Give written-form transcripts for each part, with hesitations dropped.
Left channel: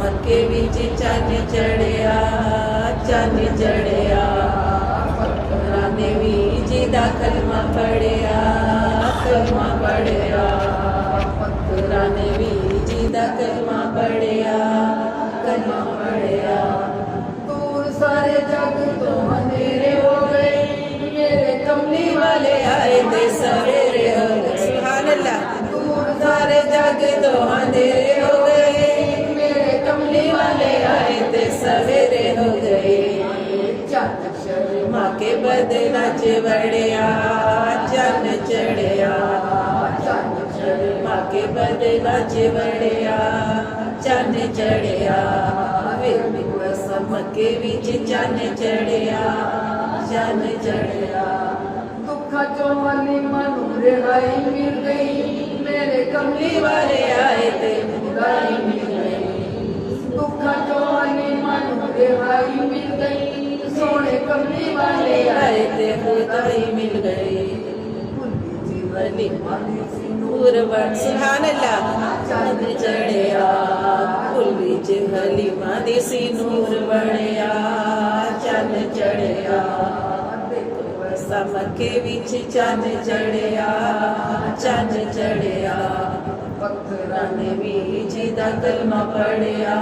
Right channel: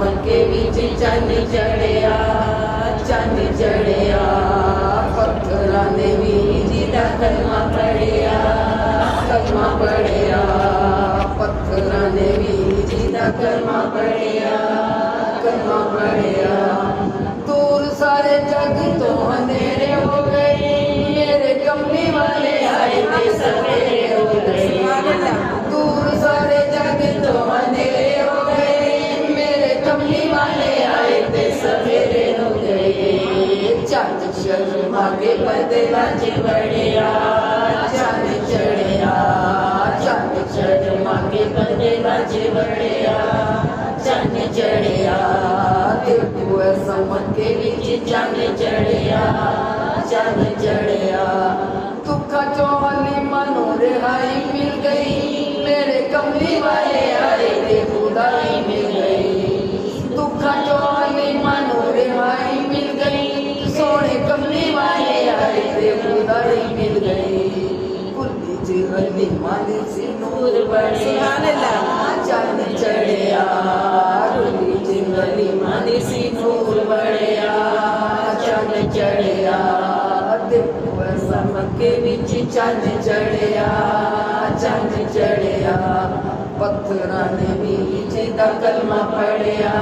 मक्के विच चंद चढ़िया चंद चढ़िया पत्थरां दे बीच दा कलमा पढ़िया पत्थरां दे बीच दा कलमा पढ़िया दूर सारे जग तो अंधेरे हो गए मेरे कमली वाले आए थे सवेरे हो गए दूर सारे जग तो अंधेरे हो गए मेरे कमली वाले आए थे सवेरे हो गए चंद शर्मा के बदला च बढ़िया चंद चढ़िया चंद शर्मा के बदला च बढ़िया चंद चढ़िया मक्के विच चंद चढ़िया चंद चढ़िया दुखा चौली मनु रिहाई मिल गई मेरे कमली वाले आए थे खुदाई मिल गई दुखा चौली मनु रिहाई मिल गई सोने कमली वाले आए थे खुदाई मिल गई कुल्ली जिहली माली सिंदूर बड़े सुभान अल्लाह चंद चढ़िया कुल्ली जिहली माली सिंदूर बढ़िया चंद चढ़िया देखो ऐसा मक्के विच चंद चढ़िया चंद चढ़िया पत्थरां दे बीच दा कलमा पढ़िया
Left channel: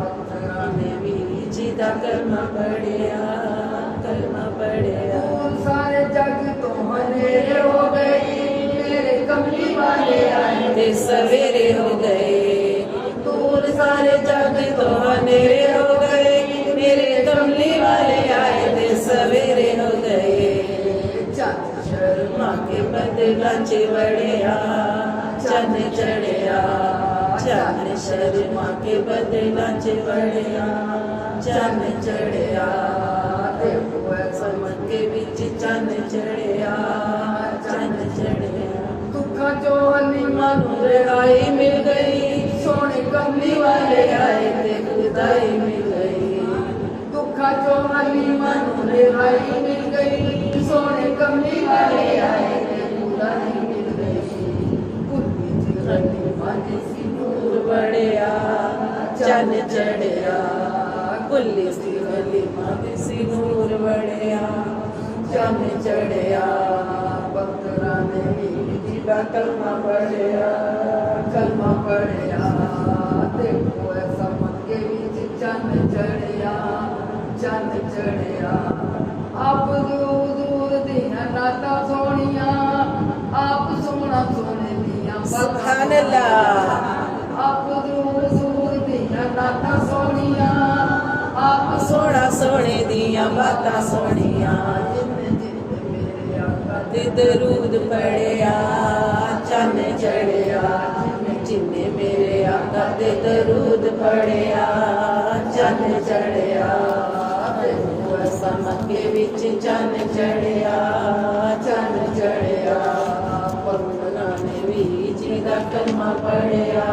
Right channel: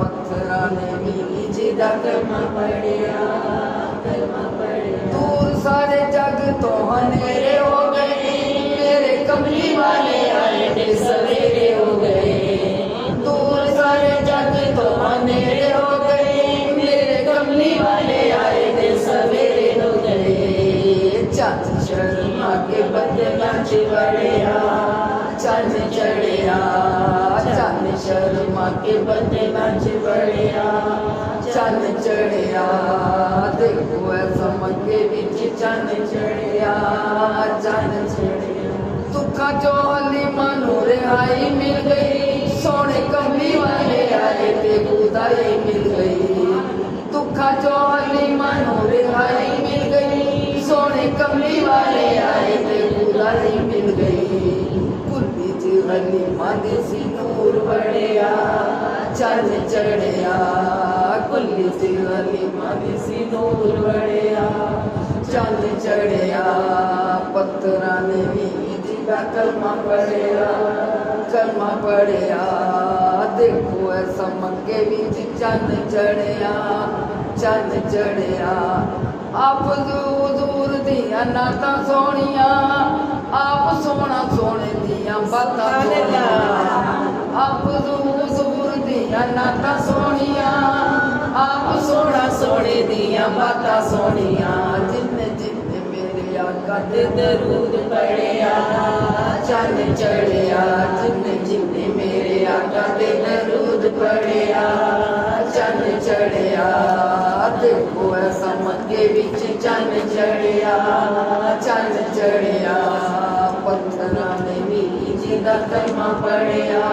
पत्थरां दे बीच दा कलमा पढ़िया दूर सारे जग तो अंधेरे हो गए मेरे कमली वाले आए थे सवेरे हो गए दूर सारे जग तो अंधेरे हो गए मेरे कमली वाले आए थे सवेरे हो गए चंद शर्मा के बदला च बढ़िया चंद चढ़िया चंद शर्मा के बदला च बढ़िया चंद चढ़िया देखो ऐसा मक्के विच चंद चढ़िया दुखा चौली मनु रिहाई मिल गई सोने कमली वाले आए थे खुदाई मिल गई दुखा चौली मनु रिहाई मिल गई सोने कमली वाले आए थे खुदाई मिल गई कुल्ली जिहली माली सिंदूर बढ़िया चंद चढ़िया कुल्ली जिहली माली सिंदूर बढ़िया चंद चढ़िया पत्थरां दे बीच दा कलमा पढ़िया देखो ऐसा मक्के विच चंद चढ़िया आप दूर दूर दियां नातां सोहणियां आप सोहना सोहणे दियां बातां आप दूर दूर दियां नातां सोहणियां आप सोहना सोहणे दियां बातां सोहणियां जिन्ने जिन्ने मेरे आका दे दरूद पढ़िया चंद चढ़िया जिन्ने जिन्ने मेरे आका दे दरूद पढ़िया चंद चढ़िया देखो ऐसा मक्के विच चंद चढ़िया पत्थरां दे बीच दा कलमा पढ़िया